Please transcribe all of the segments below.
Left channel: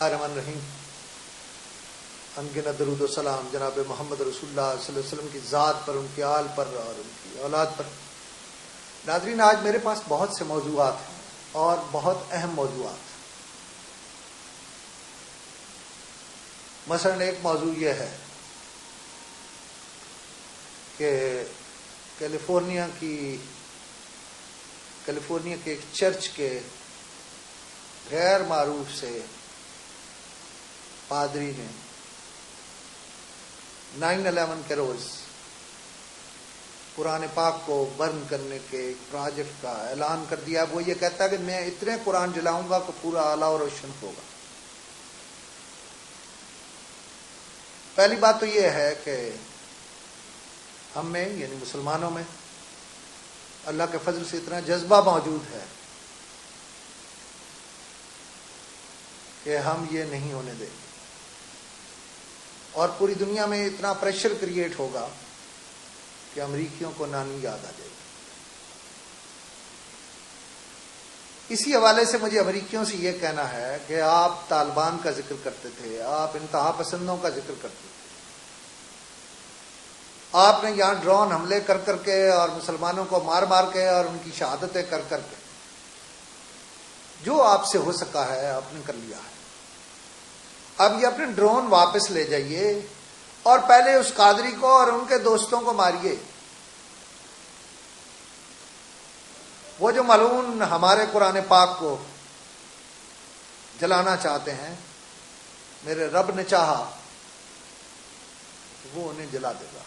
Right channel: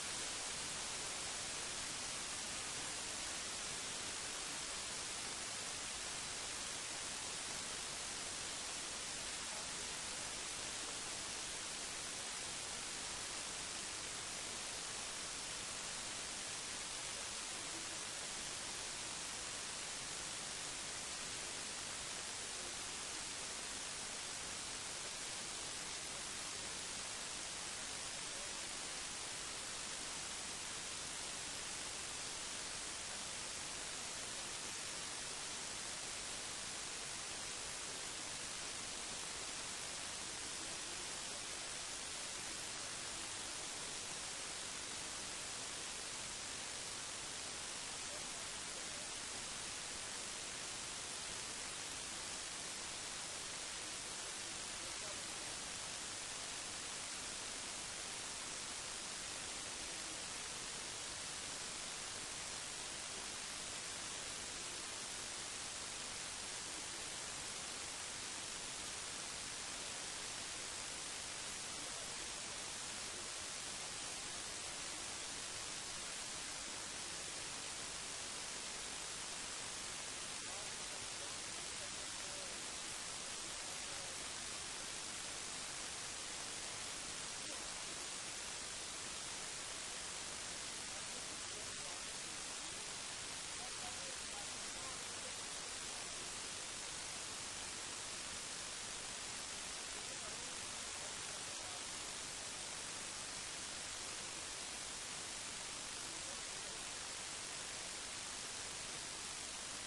الرحمن الرحیم. انگنت درود و سلام جناب محمد رسول اللہ صلی اللہ علیہ وسلم کی ذات پر، ان کے آل پر اور ان کی اولاد پر. ناظرین، آج میرے پاس بہت سے موضوعات ہیں اور بہت اہم موضوعات. مثلا ایک موضوع یہ ہے کہ کیلیفورنیا کے ایک چرچ کے غیر معروف سے پادری نے 9/11 کے روز قرآن پاک کو برن کرنے کے ایک پروجیکٹ کا اعلان کر دیا. وہ یہ کہتا ہے کہ میں اتنے قرآن جلاؤں گا کہ پورا اعلیٰ اور روشن ہوگا. پہلی بات تو یہ ہے کہ ہم میں یعنی مسلمانوں میں اللہ کے فضل سے اتنا جذبہ موجود ہے کہ ہم یہ نہیں ہونے دیں گے، اور پوری دنیا میں اتنا پریشر کریٹ ہوگا کہ امریکیوں کو نانی یاد آ جائے گی. اسی حوالے سے مجھے امریکیوں سے یہ کہنا ہے کہ آپ طالبان کا ذکر کرتے تھے، آپ انتہا پسندوں کا ذکر کرتے تھے، آپ نے یہاں ڈرون حملے کر کر کے اور مسلمانوں کو مار مار کے اور ان کی شہادتیں کر کر کے جو آپ سے ہو سکا ہے آپ نے کر لیا ہے. اب یہ اپنے ڈرون واپس لے جائیے اور پہلے اس قادری کو اور ان کے دوستوں کو ماریے. وہ جو ملعون ہمارے قرآن پاک کو جلانا چاہتے ہیں، میرے رب نے چاہا وہ انہیں جلا دے گا.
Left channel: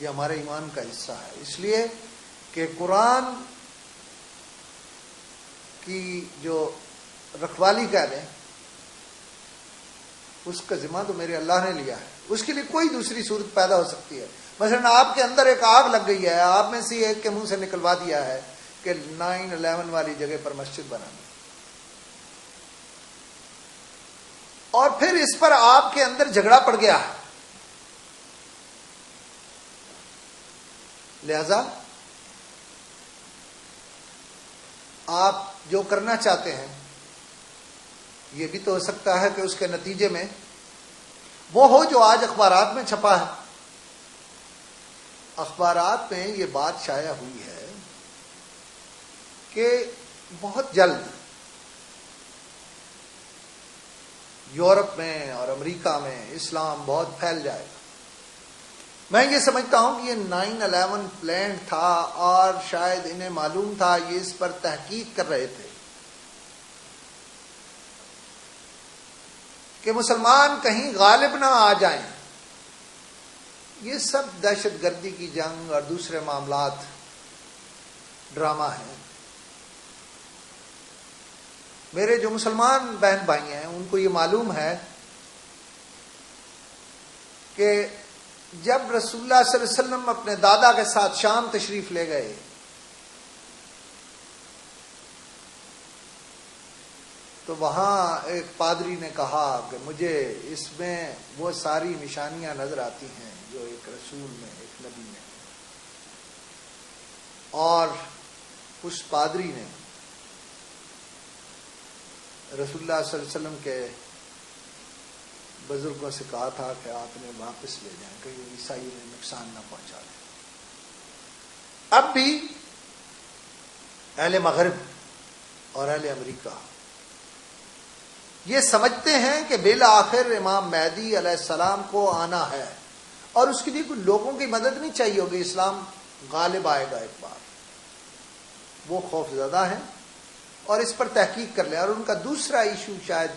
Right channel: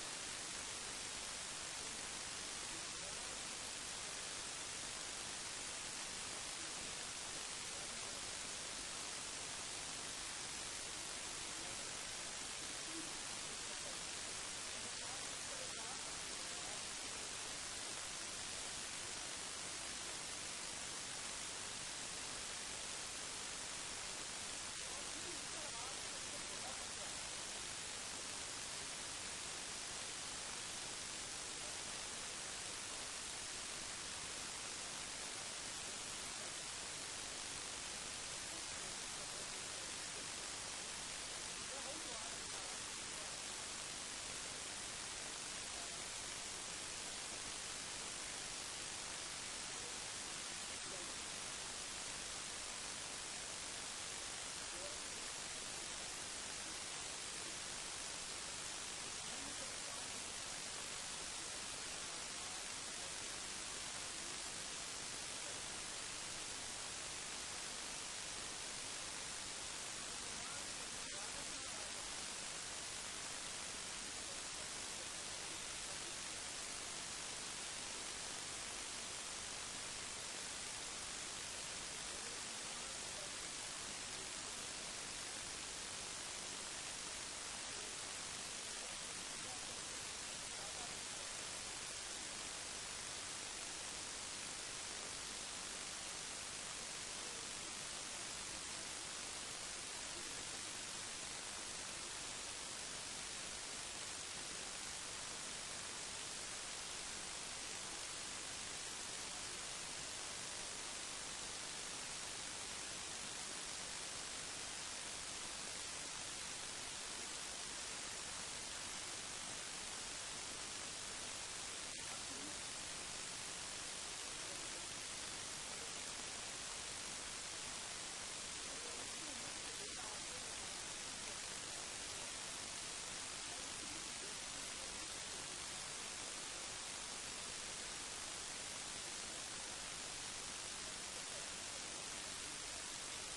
یہ ہمارے ایمان کا حصہ ہے، اس لیے کہ قرآن کی جو رکھوالی کہہ لیں اس کا ذمہ تو میرے اللہ نے لیا ہے. اس کے لیے کوئی دوسری صورت پیدا ہو سکتی ہے. مثلا آپ کے اندر ایک آگ لگ گئی ہے، آپ میں سے ایک کے منہ سے نکلوا دیا ہے کہ 9/11 والی جگہ پر مسجد بنانا، اور پھر اس پر آپ کے اندر جھگڑا پڑ گیا. لہذا آپ جو کرنا چاہتے ہیں یہ بھی تو ہو سکتا ہے کہ اس کے نتیجے میں وہ ہو جو آج اخبارات میں چھپا ہے. اخبارات میں یہ بات شائع ہوئی ہے کہ بہت جلد یورپ میں اور امریکہ میں اسلام بہت پھیل جائے گا. میں یہ سمجھتا ہوں کہ یہ 9/11 پلان تھا اور شاید انہیں معلوم تھا، یہ اس پر تحقیق کر رہے تھے کہ مسلمان کہیں غالب نہ آ جائیں. یہ سب دہشت گردی کی جنگ اور دوسرے معاملات ڈرامہ ہیں. میرے جو مسلمان بہن بھائی ہیں ان کو یہ معلوم ہے کہ جب رسول اللہ صلی اللہ علیہ وسلم اپنے دادا کے ساتھ شام تشریف لے گئے تو وہاں ایک پادری نے کہا کہ مجھے اس میں وہ ساری نشانیاں نظر آتی ہیں جو ایک رسول میں، ایک نبی میں. اور اس پادری نے رسول اللہ صلی اللہ علیہ وسلم کے بزرگوں سے کہا تھا کہ آپ نے واپس لے جائیں کہ عیسائی میں نقصان نہ پہنچا دیں. اب بھی اہل مغرب اور اہل امریکہ یہ سمجھتے ہیں کہ بالآخر امام مہدی علیہ السلام کو آنا ہے اور اس کے لیے کوئی لوگوں کی مدد نہیں چاہیے ہوگی، اسلام غالب آئے گا ایک بار. وہ خوف زدہ ہیں اور اس پر تحقیق کر لیں. اور ان کا دوسرا ایشو شاید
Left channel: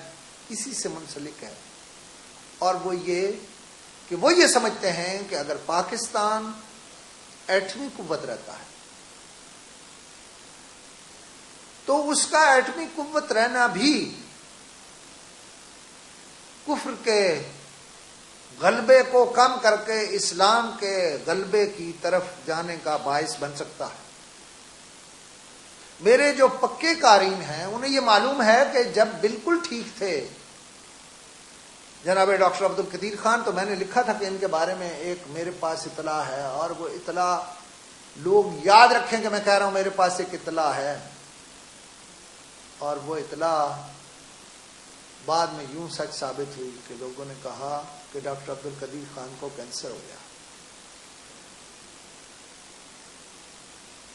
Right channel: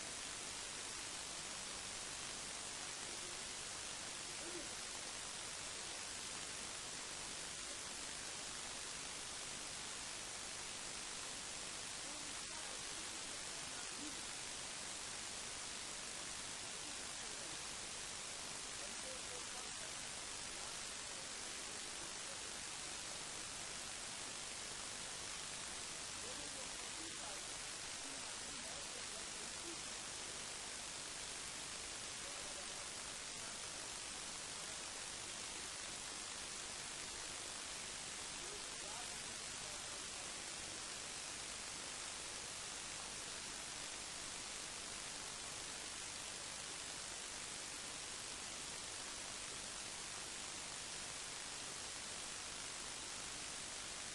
اسی سے منسلک ہے، اور وہ یہ کہ وہ یہ سمجھتے ہیں کہ اگر پاکستان ایٹمی قوت رہتا ہے تو اس کا ایٹمی قوت رہنا بھی کفر کے غلبے کو کم کر کے اسلام کے غلبے کی طرف جانے کا باعث بن سکتا ہے. میرے جو پکے قارئین ہیں انہیں یہ معلوم ہے کہ جب بالکل ٹھیک تھے جناب ڈاکٹر عبد القدیر خان، تو میں نے لکھا تھا کہ ان کے بارے میں ایک میرے پاس اطلاع ہے، اور وہ اطلاع لوگ یاد رکھیں کہ میں کہہ رہا ہوں میرے پاس ایک اطلاع ہے، اور وہ اطلاع بعد میں یوں سچ ثابت ہوئی کہ لوگوں نے کہا کہ ڈاکٹر عبد القدیر خان کو کینسر ہو گیا۔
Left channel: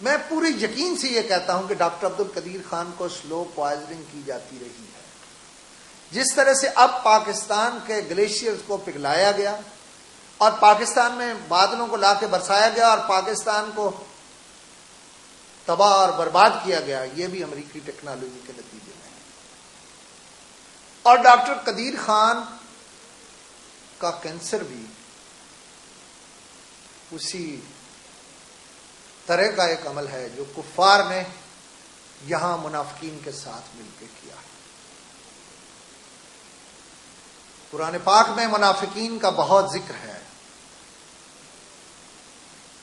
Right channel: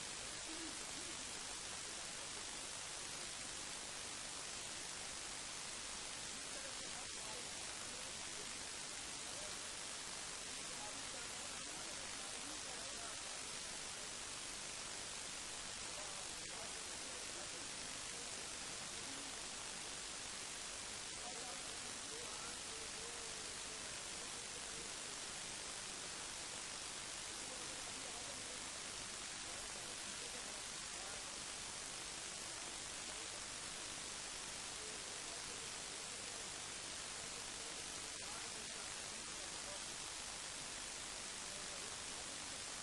میں پوری یقین سے یہ کہتا ہوں کہ ڈاکٹر عبد القدیر خان کو سلو پوائزننگ کی جاتی رہی ہے، جس طرح سے اب پاکستان کے گلیشیئرز کو پگھلایا گیا اور پاکستان میں بادلوں کو لا کے برسایا گیا اور پاکستان کو تباہ اور برباد کیا گیا، یہ بھی امریکی ٹیکنالوجی کے نتیجے میں۔ اور ڈاکٹر قدیر خان کا کینسر بھی اسی طرح کا ایک عمل ہے جو کفار نے یہاں منافقین کے ساتھ مل کے کیا۔ قرآن پاک میں منافقین کا بہت ذکر ہے۔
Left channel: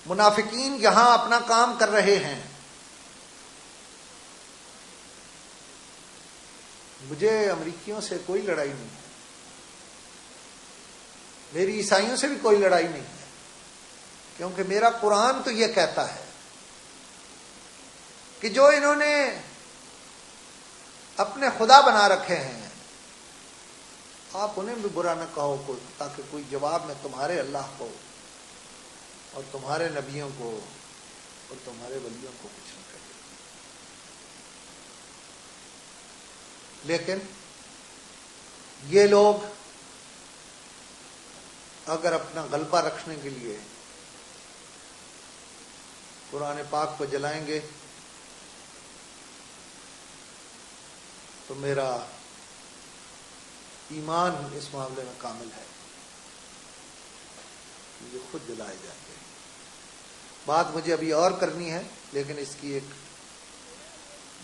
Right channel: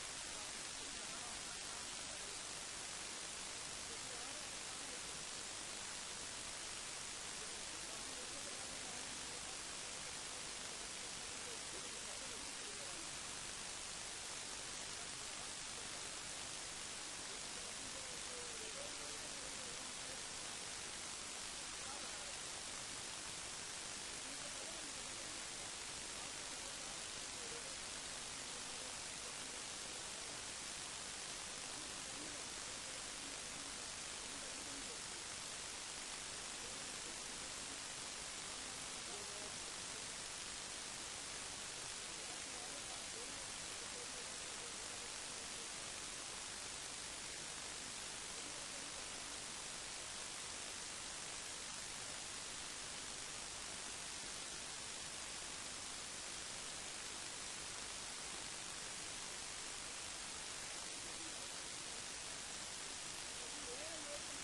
منافقین یہاں اپنا کام کر رہے ہیں۔ مجھے امریکیوں سے کوئی لڑائی نہیں ہے، میری عیسائیوں سے بھی کوئی لڑائی نہیں ہے، کیونکہ میرا قرآن تو یہ کہتا ہے کہ جو انہوں نے اپنے خدا بنا رکھے ہیں آپ انہیں بھی برا نہ کہو تاکہ کوئی جواب میں تمہارے اللہ کو اور تمہارے نبیوں کو اور تمہارے ولیوں کو کچھ نہ کرے۔ لیکن یہ لوگ اگر اپنا غلبہ رکھنے کے لیے قرآن پاک کو جلائیں گے تو میرا ایمان اس معاملے میں کامل ہے، یہ خود جلائے جائیں گے۔ بات مجھے ابھی اور کرنی ہے، لیکن اس کی ایک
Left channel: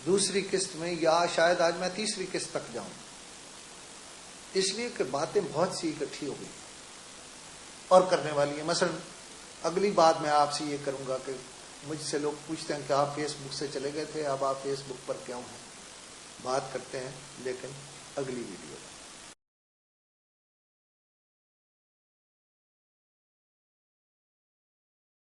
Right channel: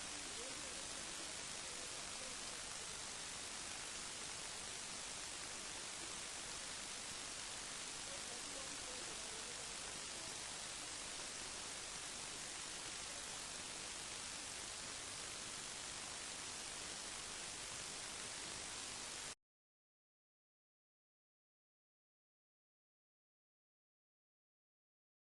دوسری قسط میں یا شاید آج میں تیسری قسط تک جاؤں، اس لیے کہ باتیں بہت سی اکٹھی ہو گئی اور کرنے والی ہیں۔ مثلا اگلی بات میں آپ سے یہ کروں گا کہ مجھ سے لوگ پوچھتے ہیں کہ آپ فیس بک سے چلے گئے تھے، اب آپ فیس بک پر کیوں ہیں؟ بات کرتے ہیں لیکن اگلی ویڈیو میں۔